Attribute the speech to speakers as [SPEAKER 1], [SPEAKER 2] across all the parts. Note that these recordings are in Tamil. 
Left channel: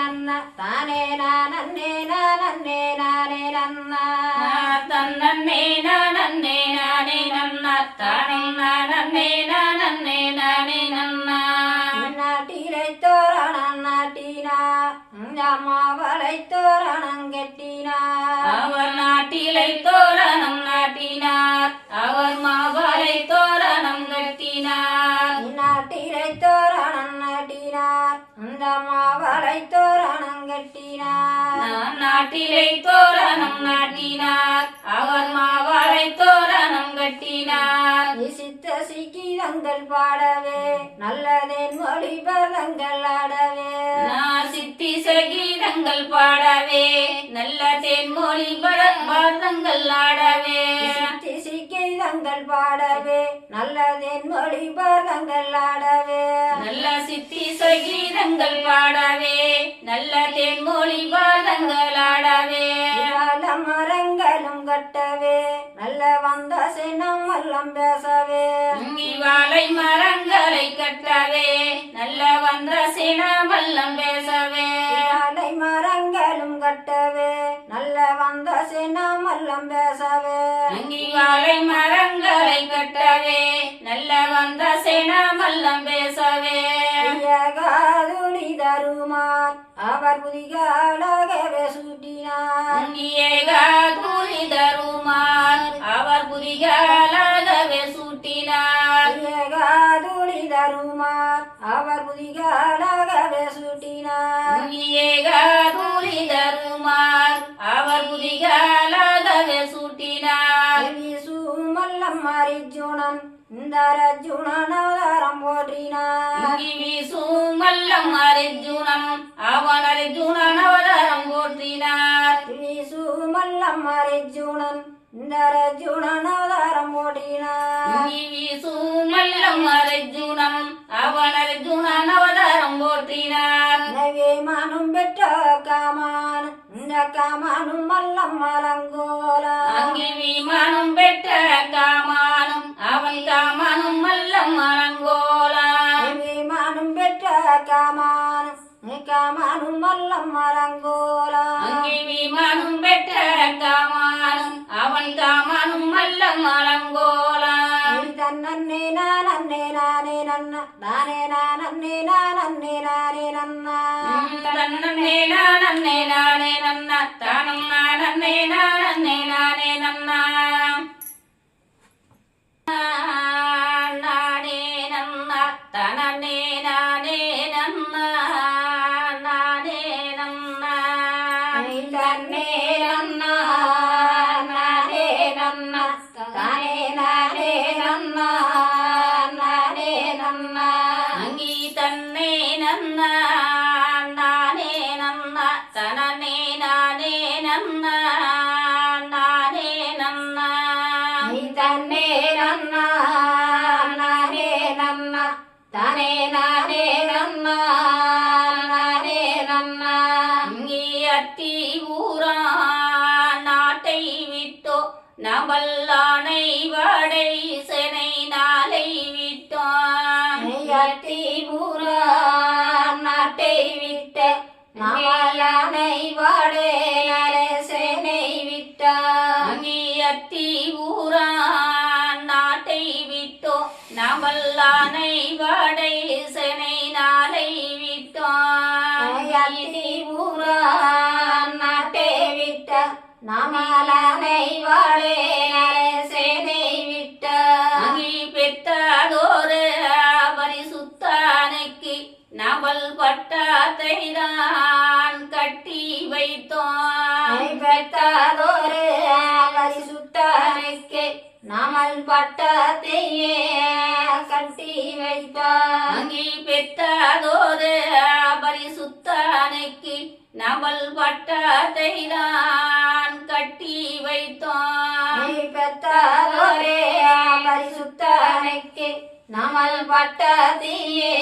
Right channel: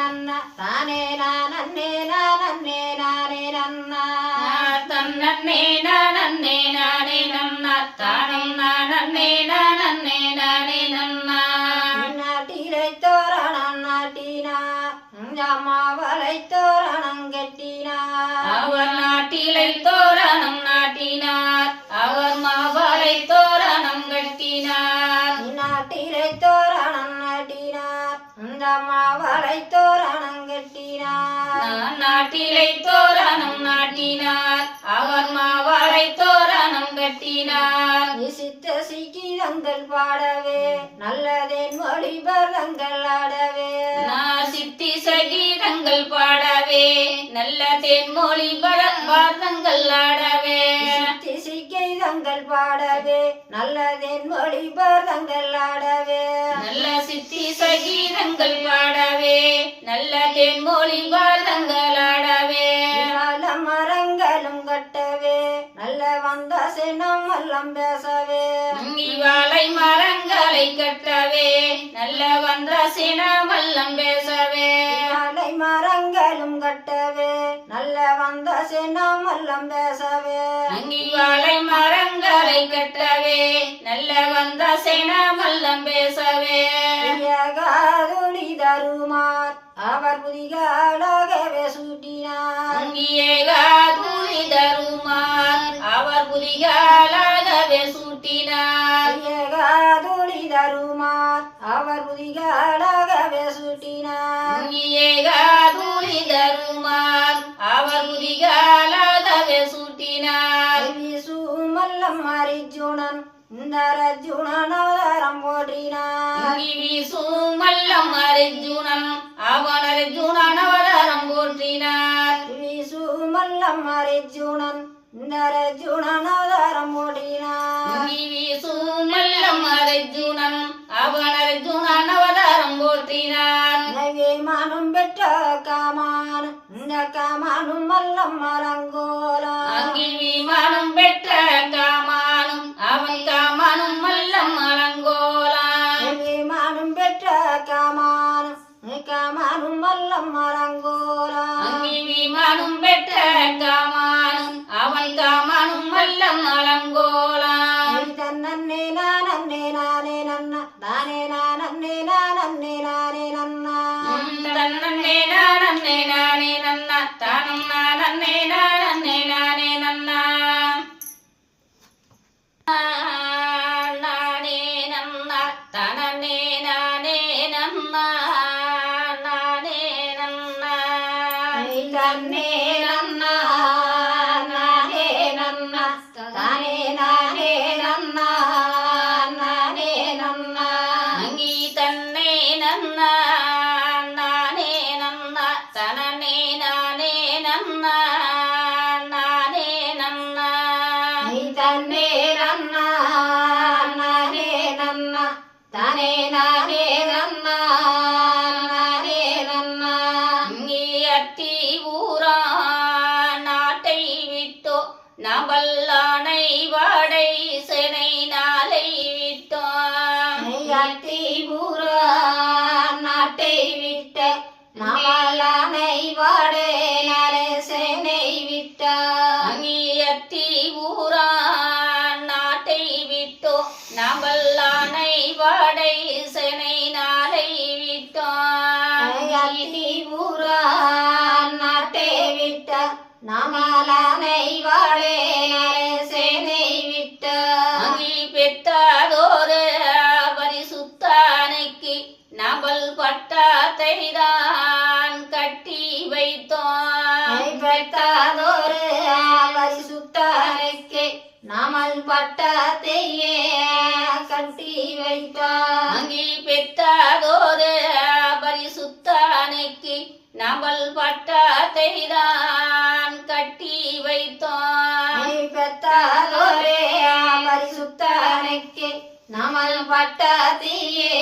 [SPEAKER 1] ನನ್ನ ತಾನೇ ನಾನನ್ನೇ ನಾನನ್ನೇ ನಾನೇ ನನ್ನ
[SPEAKER 2] தன்னே நானே நானே நன்னா தானும் நானே நானே நானே நன்னா
[SPEAKER 1] நாட்டிலை தோரணம் நாட்டினா மாவளை தோரணம் கட்டினா
[SPEAKER 2] அவர் நாட்டிலை தோரணம் நாட்டினார் அவர் மாவலை தோரணம் கட்டினார்
[SPEAKER 1] மாவளை தோரணம் கட்டினார்
[SPEAKER 2] நாட்டிலை தோரணம் நாட்டினார். அவர் மாவலை தோரணம் கட்டினார்.
[SPEAKER 1] சித்த சிக்கிதங்கள் பாடவே நல்லதேன் மொழி பரதங்கள் ஆடவே.
[SPEAKER 2] நான் சித்தி சகீதங்கள் பாடவே நல்ல தென்மொழி பாரதங்கள் ஆடவே.
[SPEAKER 1] சித்தி சிக்கிதங்கள் பாடவே நல்லதேன் மொழி பரதங்கள் ஆடவே.
[SPEAKER 2] நல்ல சித்தி சகீதங்கள் பாடவே நல்ல தென்மொழி பாரதங்கள் ஆடவே
[SPEAKER 1] வந்த சினம் எல்லாம் பேசவே
[SPEAKER 2] வாழை மரங்களை கட்டவே. நல்ல வந்த சினமல்லம் பேசவே.
[SPEAKER 1] வாழை மரங்களும் கட்டவே. நல்ல வந்த சினம் எல்லாம் பேசவே
[SPEAKER 2] வாழை மரங்களை கட்டவே. நல்ல வந்த சினமல்லம் பேசவே.
[SPEAKER 1] காதுளி தருமார். அவர் புதிகாலாகவே சூட்டினார்
[SPEAKER 2] காதூரி தருமார் அவர் புதிகாலாகவே சூட்டினார்
[SPEAKER 1] காதுளி தருமார் அவர் புதிகாலாகவே சூட்டினார்
[SPEAKER 2] காதூரி தருமார் அவர் புதிகாலாகவே சூட்டினார்
[SPEAKER 1] சுமல்லம் அரிஜுனன் இந்த ரஜுனன் அவதாரம் போற்றினார்
[SPEAKER 2] அங்கி வீசும் மல்லம் அர்ஜுனன் அவன் அர்ஜுனன் அவதாரம் போற்றினார்
[SPEAKER 1] சுமல்லம் அரிஜுனன் இந்த ரஜுனன் அவதாரம் போற்றினார்
[SPEAKER 2] அங்கி வீசும் மல்லம் அர்ஜுனன் அவன் அர்ஜுனன் அவதாரம் போற்றினார்
[SPEAKER 1] நகை மானும் பெற்ற காமான் இந்த காமானும் மல்லம் மலங்கோலா
[SPEAKER 2] அங்கி விமானம் பெற்ற காமானும் காமானும் மல்லம்
[SPEAKER 1] மலங்கோலா
[SPEAKER 2] அங்கி விமானம் பெற்ற காமானும் அவன் காமானும் மல்லம் அலங்கோலா
[SPEAKER 1] தன்னே நானே நானே நன்ன நானே நானே நானே நானே நன்னா.
[SPEAKER 2] தன்னே நானே நானே நன்னா தானும் நானே நானே நானே தன்னே வாடை செனை நாளை விட்டோம்
[SPEAKER 1] நெய்யாட்டி பூரா நாட்டை விட்ட நவலானை வாடே நலே சேனை விட்டா.
[SPEAKER 2] அங்கி பெத்தாதோரு பரிசுத்தானுக்கு நபல் பட்டாத்தை தான் கட்டி வைத்தோம்.
[SPEAKER 1] பெற்றாதொரு பரிசுத்தானுக்கு நாமல் பட்டத்தையே கட்டி வைத்தார்.
[SPEAKER 2] அங்கி பெத்தாதோரு பரிசுத்தானுக்கு நபல் பட்டாத்தை தான் கட்டி வைத்தோம்
[SPEAKER 1] பெற்றாதொரு பரிசுத்தானுக்கு நாமல் பட்டத்தையே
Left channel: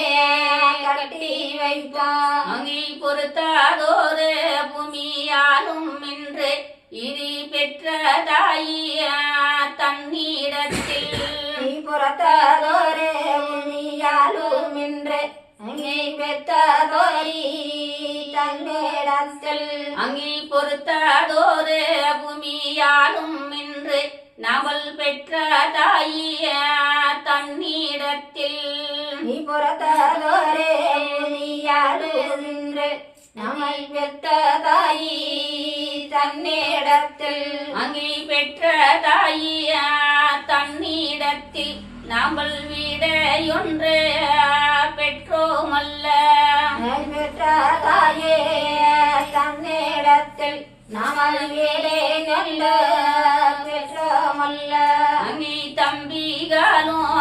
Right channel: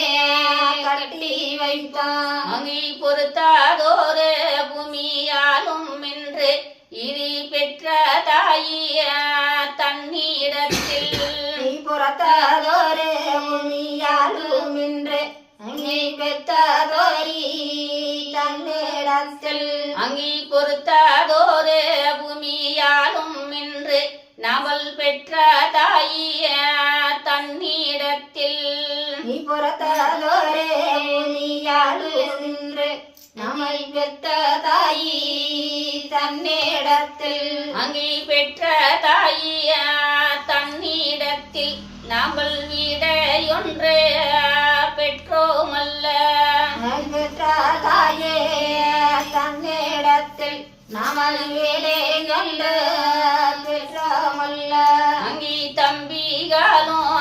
[SPEAKER 1] கட்டி வைத்தார்.
[SPEAKER 2] அங்கி பொறுத்தாதோரு பூமியாலும் என்று இனி பெற்ற தாயிய தன்னிடத்தில்
[SPEAKER 1] நீ புறத்தாதொரு முனியாலும் என்று அங்கே பெற்றதோரி தன்னை தன்னிடத்தில்
[SPEAKER 2] அங்கி பொறுத்தாதோரே பூமியாலும் இன்று நவல் பெற்ற தாயிய தன்னிடத்தில்.
[SPEAKER 1] நீ புறத்ததோரே பூமியாலும் நின்று நம்மை பெற்ற தாயி தன்னிடத்தில்.
[SPEAKER 2] அங்கி பெற்ற தாயிய தன்னிடத்தில் நாமல் வீடையொன்று பெற்றோமல்ல.
[SPEAKER 1] தன்னிடத்தில் நாமல் வீடே நல்ல பெற்றமல்ல.
[SPEAKER 2] அங்கி தம்பிகளும்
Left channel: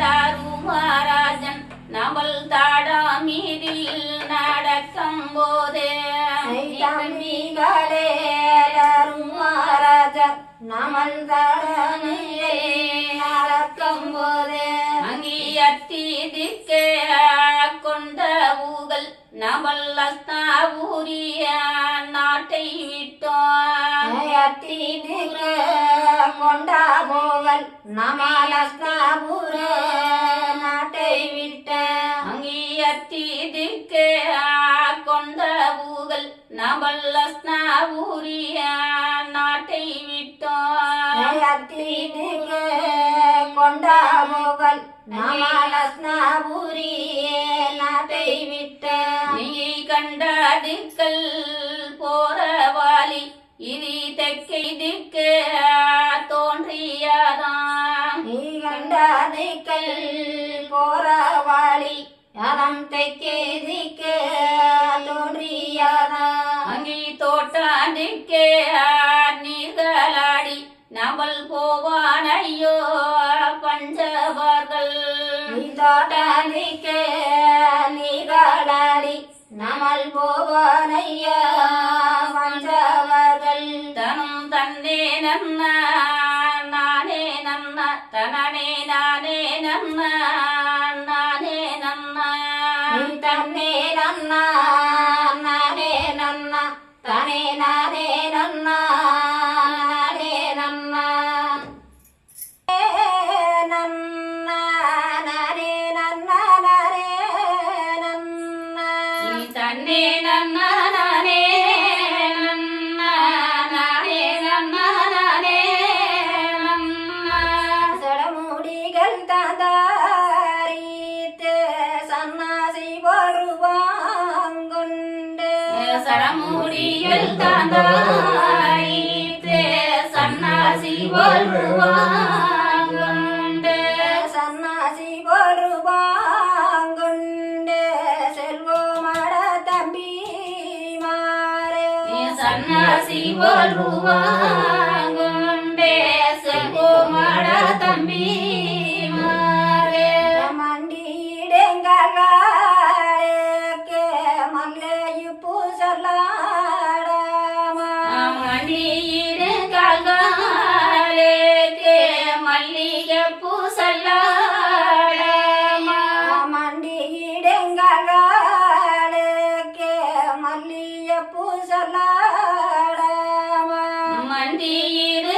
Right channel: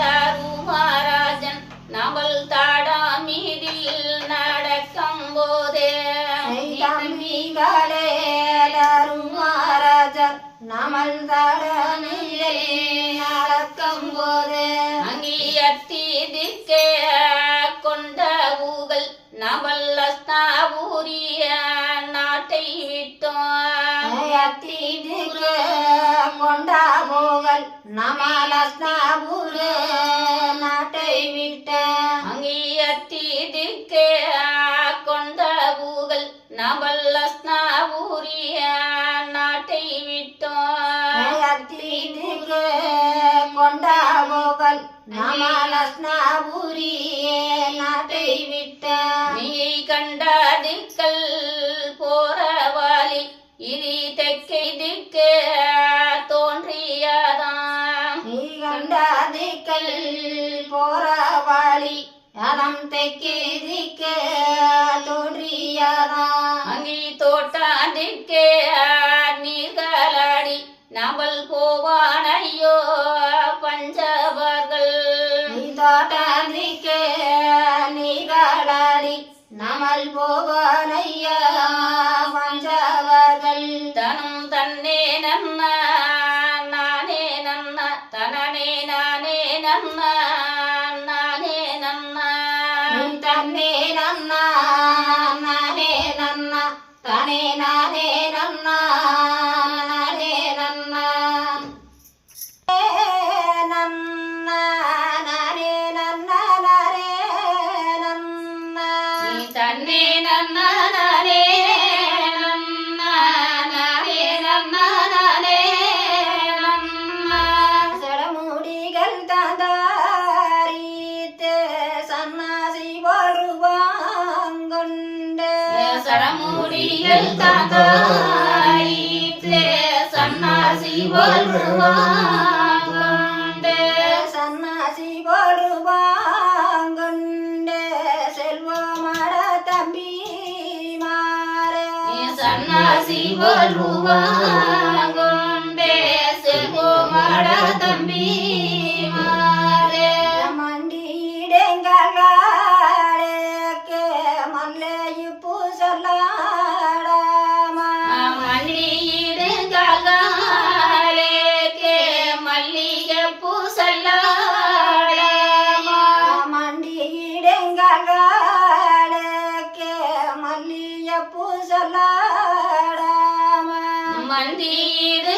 [SPEAKER 2] தாருமாராஜன் நவல் தாடா மீதில் நடக்கும் போதே
[SPEAKER 1] தம்பிகளே மகாராஜர் நாமல் தடமையை நடக்கும் போது
[SPEAKER 2] அங்கி அத்தி திக்கே கொண்ட ஊகல் நவல் அஸ்தாபூரிய நாட்டை விட்டோம்.
[SPEAKER 1] அத்தீதிக்கு கொண்டா போகல் நமாலஸ்தாபுர நாட்டை விட்ட.
[SPEAKER 2] அங்கி அத்தி திக்கே கொண்ட ஊகல்
[SPEAKER 1] கொண்டா போகல் நமாலஸ்தாபுரி நாட்டை விட்ட
[SPEAKER 2] நீ கண்ட திக்கல் போறவாலி இரி தெக்கை தோன்றியதாம்.
[SPEAKER 1] நீ கண்டாதிக்கல் போறவாளி அதம் தெக்கே திக்கு தோன்றியதா
[SPEAKER 2] அங்கி தோட்டா திக்கே நீர்களாடி நபல் போவான் ஐயோ பஞ்சவர்கள்.
[SPEAKER 1] நீ தோட்டதிக்கு நமல்
[SPEAKER 2] போவான்
[SPEAKER 1] ஐயா tangai sana si
[SPEAKER 2] berubang gunde sana si
[SPEAKER 1] berubang gunde selva mara tabi
[SPEAKER 2] mare sana si berubang gunde
[SPEAKER 1] selva mara tabi
[SPEAKER 2] மல்லியிடு காலேக்கு மல்லிகை பூசல்லாடாமா
[SPEAKER 1] மண்டியிடங்களுக்கு மல்லிய பூசலாடாமா
[SPEAKER 2] மண்டியிடு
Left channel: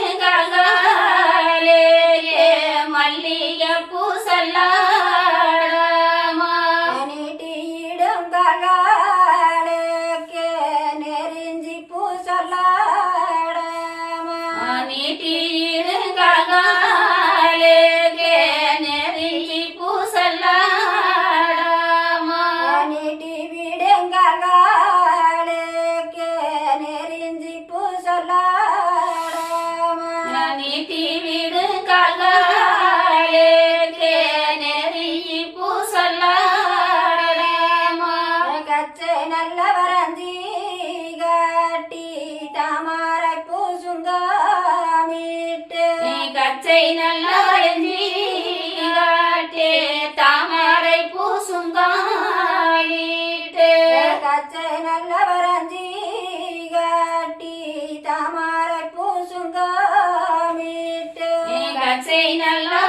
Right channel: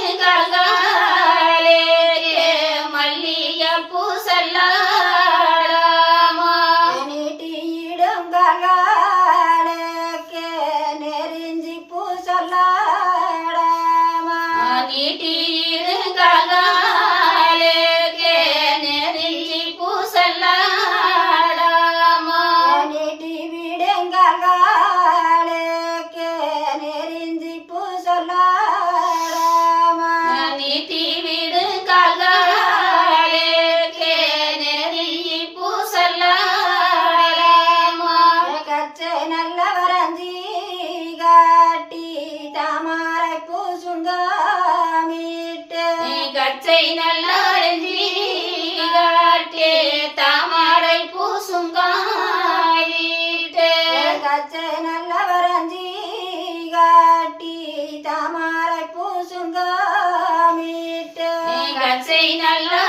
[SPEAKER 2] நல்லி காட்டே தாமரை பூசுங்காயிட்டே
[SPEAKER 1] கச்சை நல்லவரஞ்சி காட்டி தாமரை பூசுங்க மீட்டு
[SPEAKER 2] நீ கச்சை நல்லி